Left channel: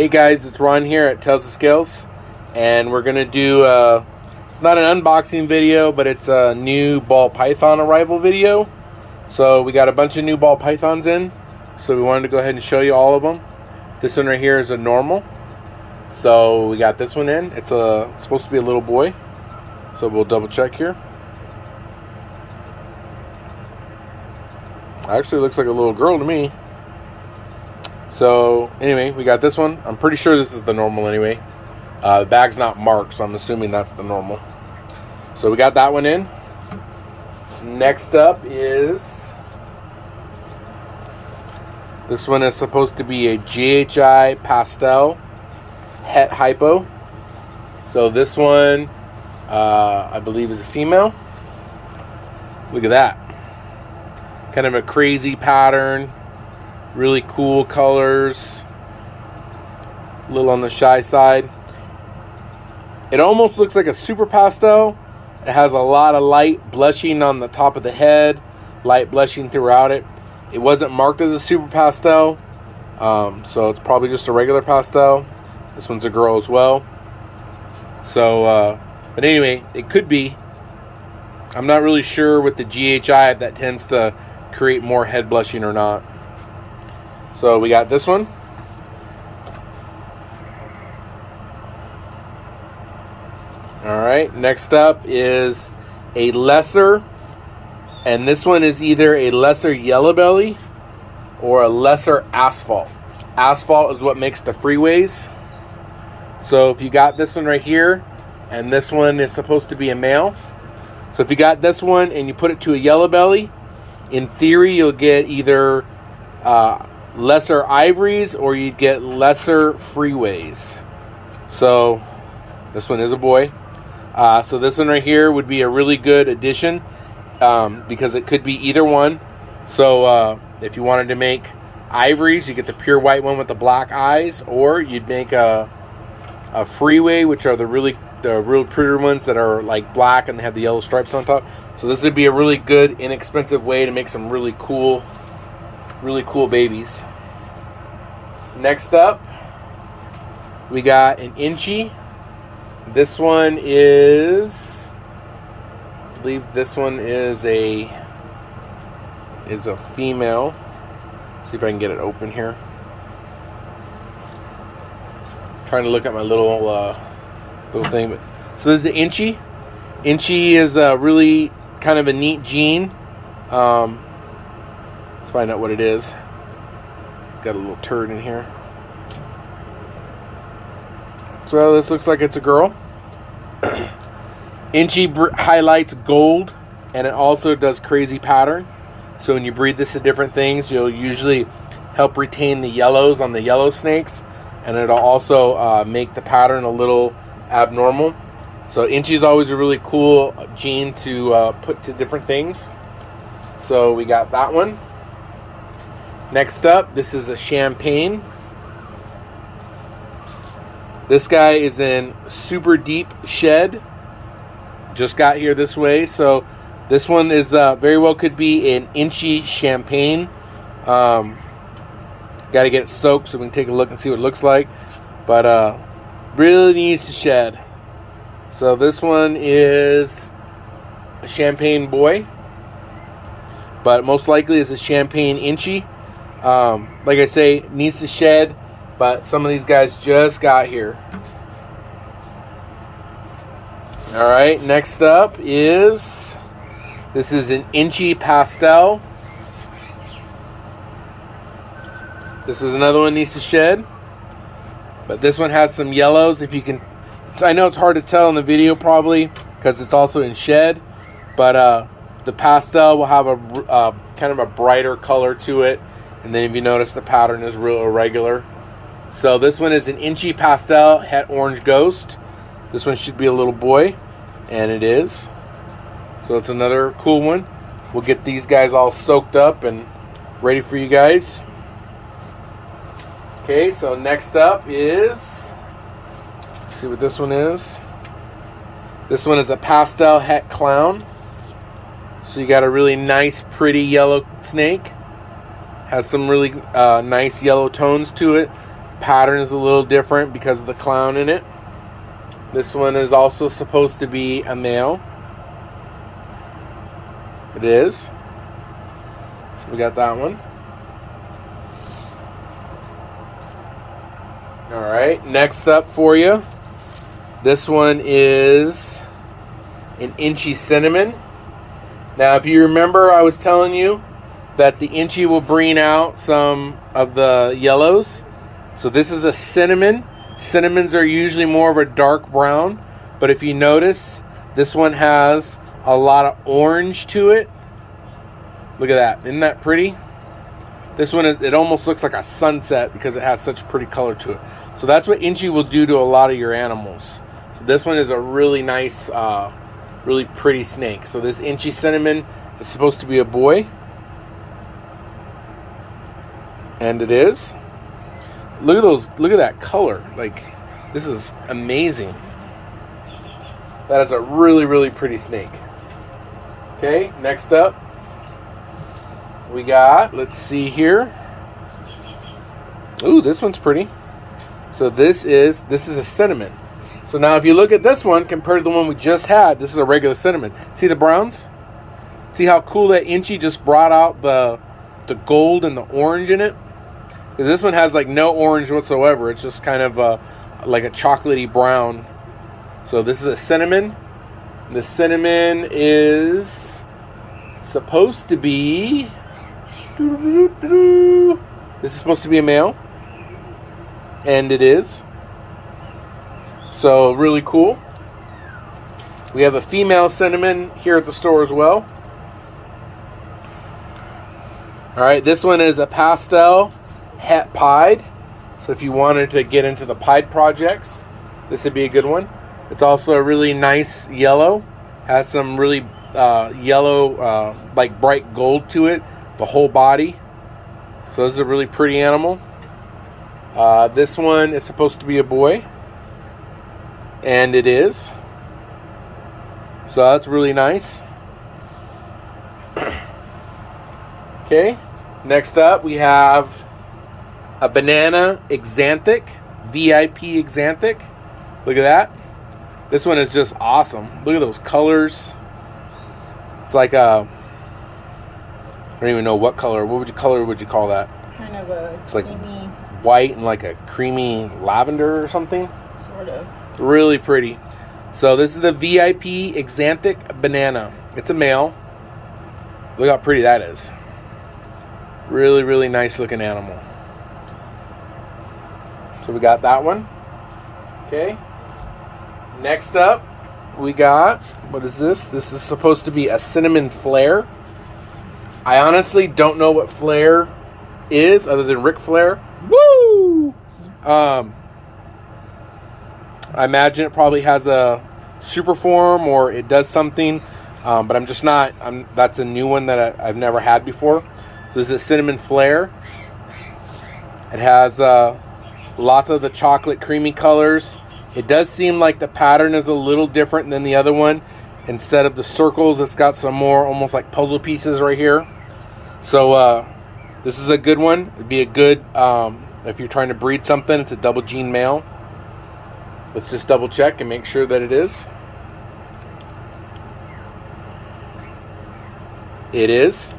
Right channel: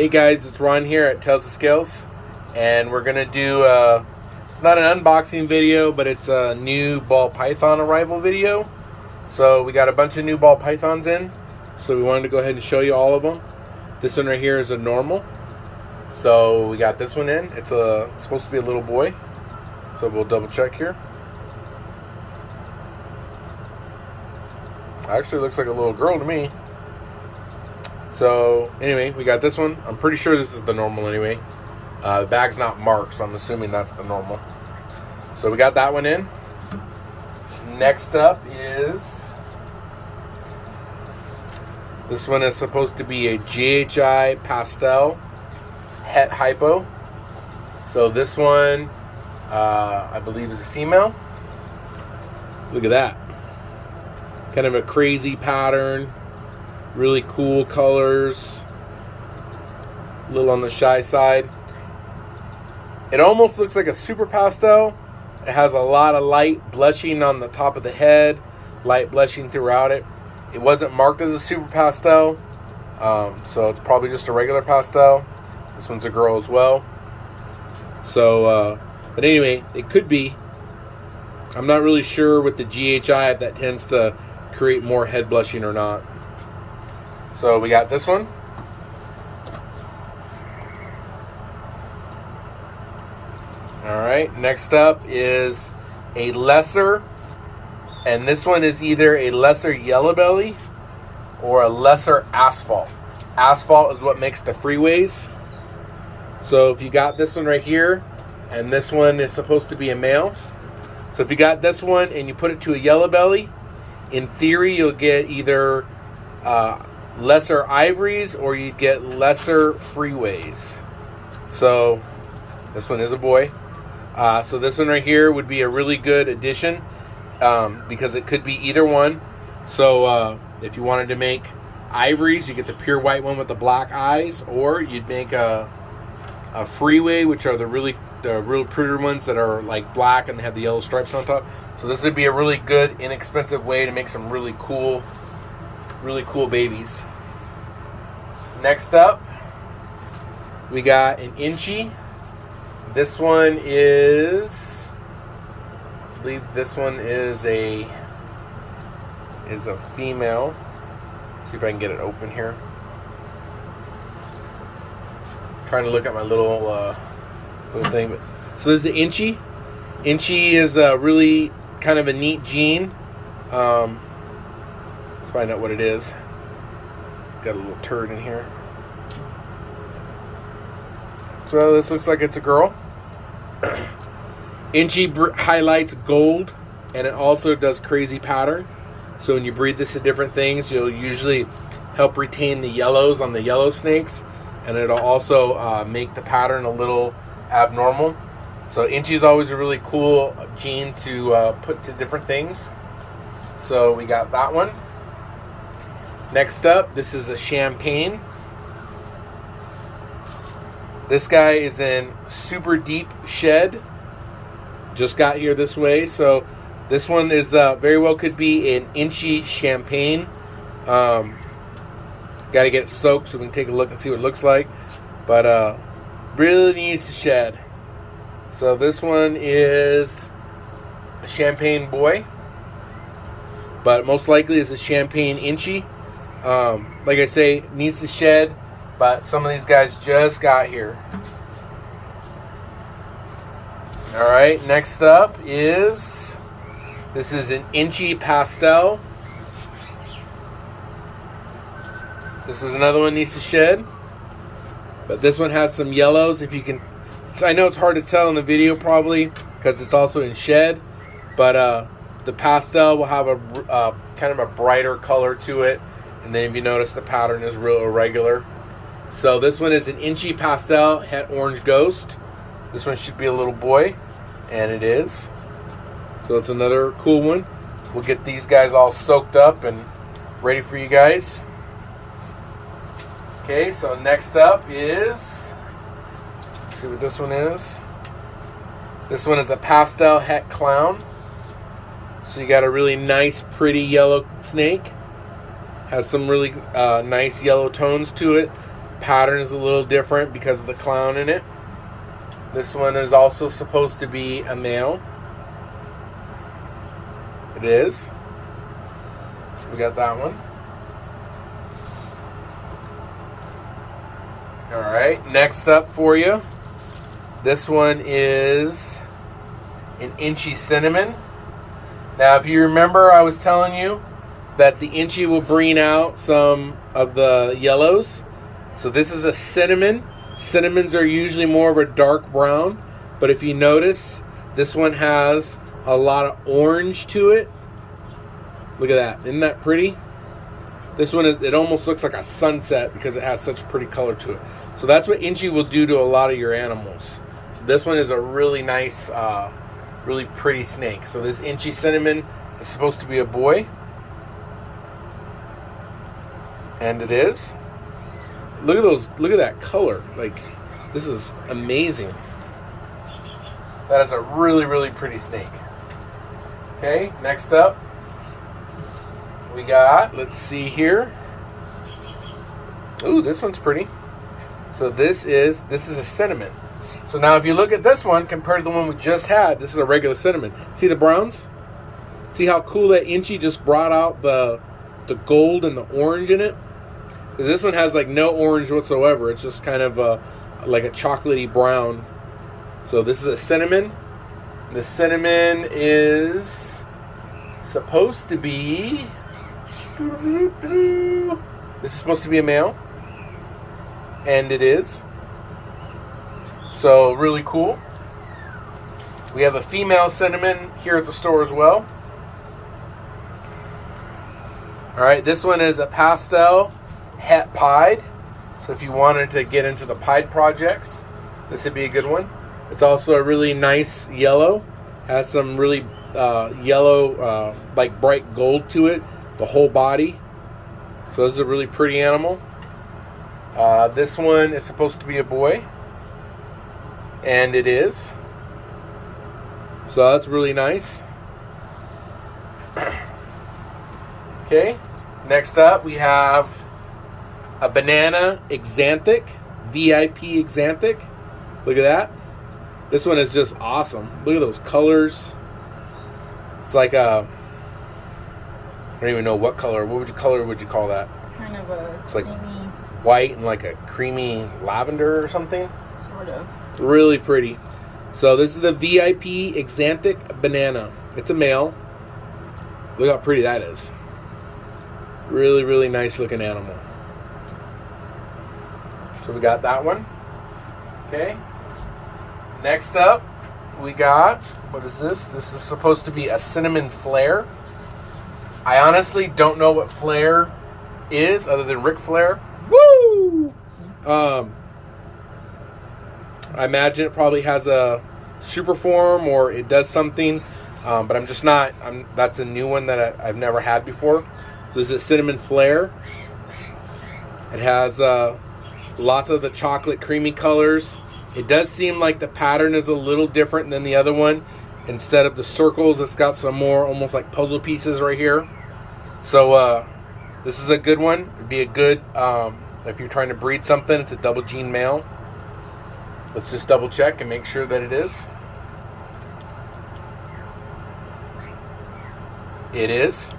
Hey guys, it's Ron here at Tales of Scales, and we're gonna do it's not an unboxing video, but it's a new ball python arrival video. So we got a bunch of new ball pythons in, so we wanted to go ahead and show you all of them. This one right here is a normal, so we got this one in. It's supposed to be a little boy, so we'll double check here. Actually looks like a little girl to me. So anyway, we got this one. I'm pretty sure this is the normal anyway. The bag's not marked, so I'm assuming that's the normal. So we got that one in. Next up is, this one is supposed to be a GHI pastel het hypo. So this one, I believe, is a female. Look at that. Kind of a crazy pattern. Really cool colors. A little on the shy side. It almost looks like a super pastel. It has a lot of light blushing on the top of the head, light blushing throughout it. It wasn't marked as a super pastel, so it's probably just a regular pastel. This one's a girl as well. So, but anyway, it could be. I'm not really sure with the GHI if that tends to create more head blushing or not. So we got this one. All right, next up is a lesser, and this one is either a lesser yellow belly or a lesser asphalt. Asphalt is what makes the freeways. So if you got this one right here, and this one is supposed to be a male. So if you got this one and you put it to a yellow belly, in theory you'll get either lesser ivories or you'd get lesser freeways. So this one is a boy. So this one right here would be a really good addition because it could be either one. So if you wanted to make ivories, you get the pure white one with the black eyes, or you'd make a freeway, which are the real pretty ones that are like black and have the yellow stripes on top. So this would be a really good, inexpensive way to make some really cool babies. Next up, we got an inchy. This one is, I believe this one is a female. See if I can get it open here. I'm trying to look at my little thing. So this is the inchy. Inchy is a really kind of a neat gene. Let's find out what it is. It's got a little turd in here. So this looks like it's a girl. Inchy highlights gold, and it also does crazy pattern. So when you breed this to different things, you'll usually help retain the yellows on the yellow snakes, and it'll also make the pattern a little abnormal. So inchy is always a really cool gene to put to different things. So we got that one. Next up, this is a champagne. This guy is in super deep shed. Just got here this way. So this one is very well could be an inchy champagne. Got to get it soaked so we can take a look and see what it looks like. But really needs to shed. So this one is a champagne boy, but most likely is a champagne inchy. Like I say, needs to shed, but some of these guys just got here. All right, next up is, this is an inchy pastel. This is another one needs to shed, but this one has some yellows. If you can, I know it's hard to tell in the video probably because it's also in shed, but the pastel will have a kind of a brighter color to it, and then if you notice the pattern is real irregular. So this one is an inchy pastel het orange ghost. This one should be a little boy, and it is. So it's another cool one. We'll get these guys all soaked up and ready for you guys. Okay, so next up is, let's see what this one is. This one is a pastel het clown. So you got a really nice, pretty yellow snake. Has some really nice yellow tones to it. pattern is a little different because of the clown in it. This one is also supposed to be a male. It is. So we got that one. All right, next up for you. This one is an inchy cinnamon. Now, if you remember, I was telling you that the inchy will bring out some of the yellows. So this is a cinnamon. Cinnamons are usually more of a dark brown, but if you notice, this one has a lot of orange to it. Look at that. Isn't that pretty? This one it almost looks like a sunset because it has such pretty color to it. So that's what inchy will do to a lot of your animals. So this one is a really nice, really pretty snake. So this inchy cinnamon is supposed to be a boy. And it is. Look at those, look at that color. Like, this is amazing. That is a really, really pretty snake. Okay, next up, we got, let's see here. Ooh, this one's pretty. So this is a cinnamon. So now if you look at this one compared to the one we just had, this is a regular cinnamon. See the browns? See how cool that inchy just brought out the gold and the orange in it? Because this one has like no orange whatsoever. It's just kind of like a chocolatey brown. So this is a cinnamon. The cinnamon is supposed to be... This is supposed to be a male. And it is. So really cool. We have a female cinnamon here at the store as well. Alright, this one is a pastel het pied. So if you wanted to get into the pied projects, this would be a good one. It's also a really nice yellow. Has some really yellow, like bright gold to it. The whole body. So this is a really pretty animal. This one is supposed to be a boy. And it is. So that's really nice. Okay. Next up we have a banana exanthic. VIP exanthic. Look at that. This one is just awesome. Look at those colors. It's like a... I don't even know what color. What color would you call that? Kind of a it's like creamy, white and like a creamy lavender or something. sort of. Really pretty. So this is the VIP exanthic banana. It's a male. Look how pretty that is. Really, really nice looking animal. So we got that one. Okay. Next up, we got, what is this? This is supposed to be a cinnamon flare. I honestly don't know what Flair is other than Ric Flair. Woo! I imagine it probably has a super form or it does something, but I'm just not. That's a new one that I've never had before. So this is a cinnamon flare. It has lots of the chocolate creamy colors. It does seem like the pattern is a little different than the other one. Instead of the circles, it's got some more almost like puzzle pieces right here. So this is a good one. It'd be a good, if you're trying to breed something, it's a double gene male. Let's just double check and make sure that it is. It is.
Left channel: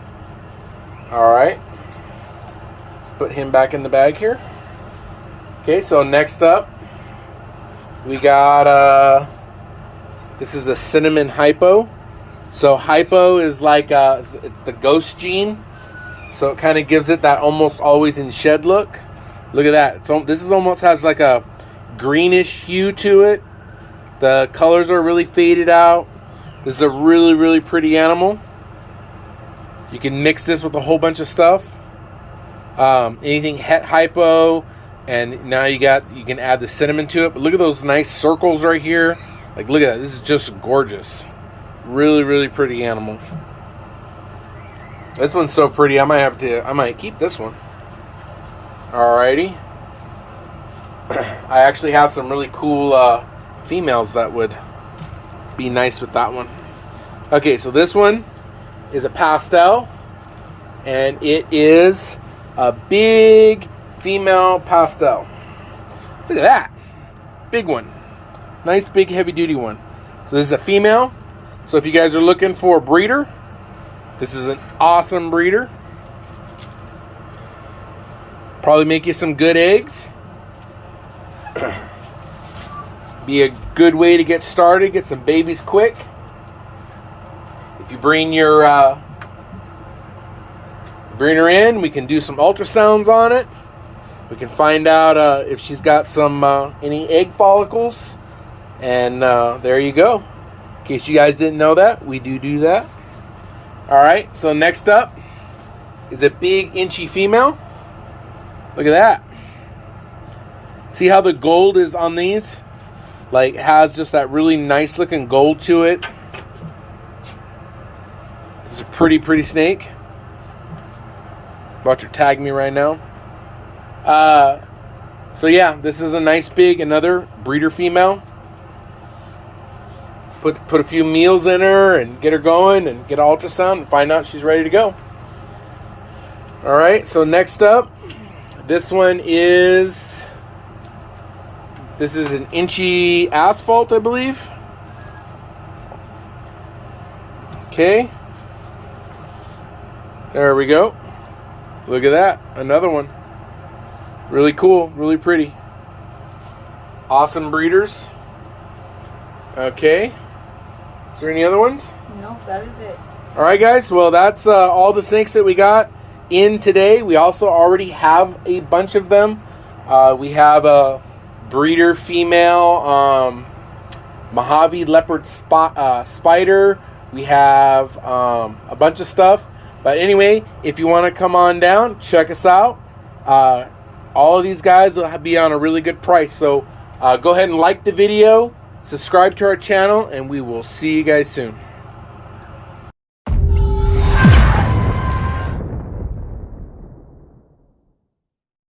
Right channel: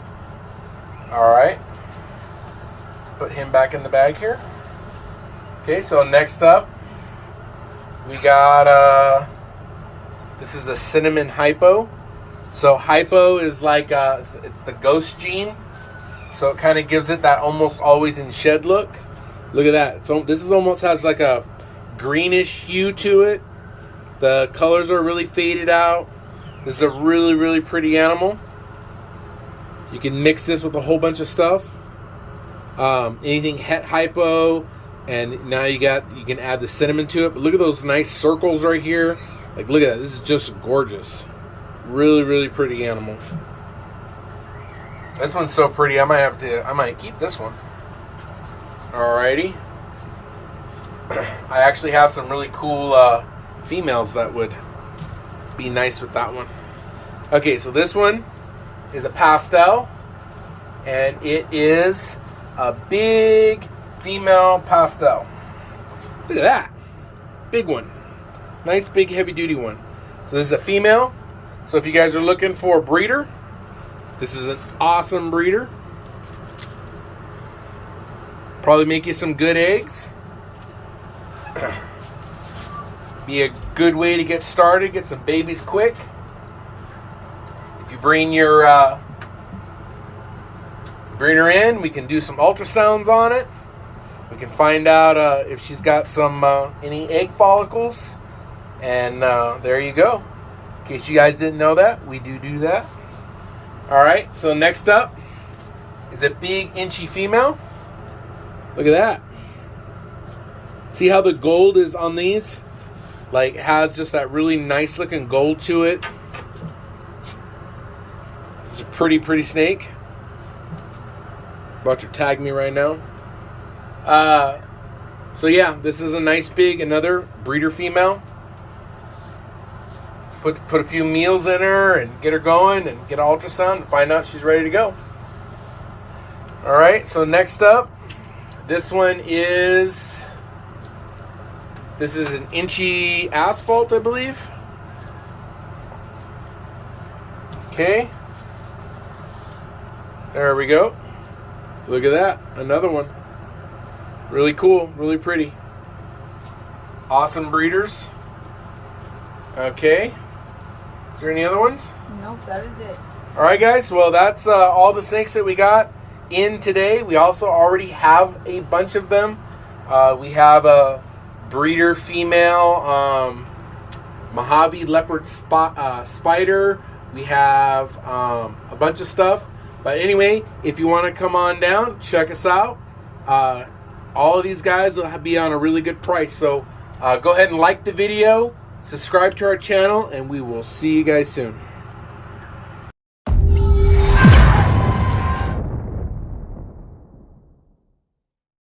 All right. Let's put him back in the bag here. Okay, so next up, we got, this is a cinnamon hypo. So hypo is like, it's the ghost gene. So it kind of gives it that almost always in shed look. Look at that. This is almost has like a greenish hue to it. The colors are really faded out. This is a really, really pretty animal. You can mix this with a whole bunch of stuff. Anything het hypo. And now you can add the cinnamon to it. But look at those nice circles right here. Like, look at that. This is just gorgeous. Really, really pretty animal. This one's so pretty. I might keep this one. Alrighty. I actually have some really cool females that would be nice with that one. Okay, so this one is a pastel. And it is a big female pastel. Look at that. Big one. Nice big heavy duty one. So this is a female. So if you guys are looking for a breeder, this is an awesome breeder. Probably make you some good eggs. Be a good way to get started, get some babies quick. If you bring your breeder in, we can do some ultrasounds on it. We can find out if she's got some any egg follicles, and there you go. In case you guys didn't know that, we do that. All right, so next up is a big inchy female. Look at that. See how the gold is on these? Like, has just that really nice looking gold to it. It's a pretty snake. About to tag me right now. So yeah, this is a nice big, another breeder female. Put a few meals in her and get her going and get an ultrasound and find out she's ready to go. All right, so next up, this is an inchy asphalt, I believe. Okay. There we go. Look at that. Another one. Really cool. Really pretty. Awesome breeders. Okay. Is there any other ones? No, that is it. All right, guys. Well, that's all the snakes that we got in today. We also already have a bunch of them. We have a breeder female Mojave leopard spider. We have a bunch of stuff. But anyway, if you want to come on down, check us out. All of these guys will be on a really good price. So go ahead and like the video, subscribe to our channel, and we will see you guys soon.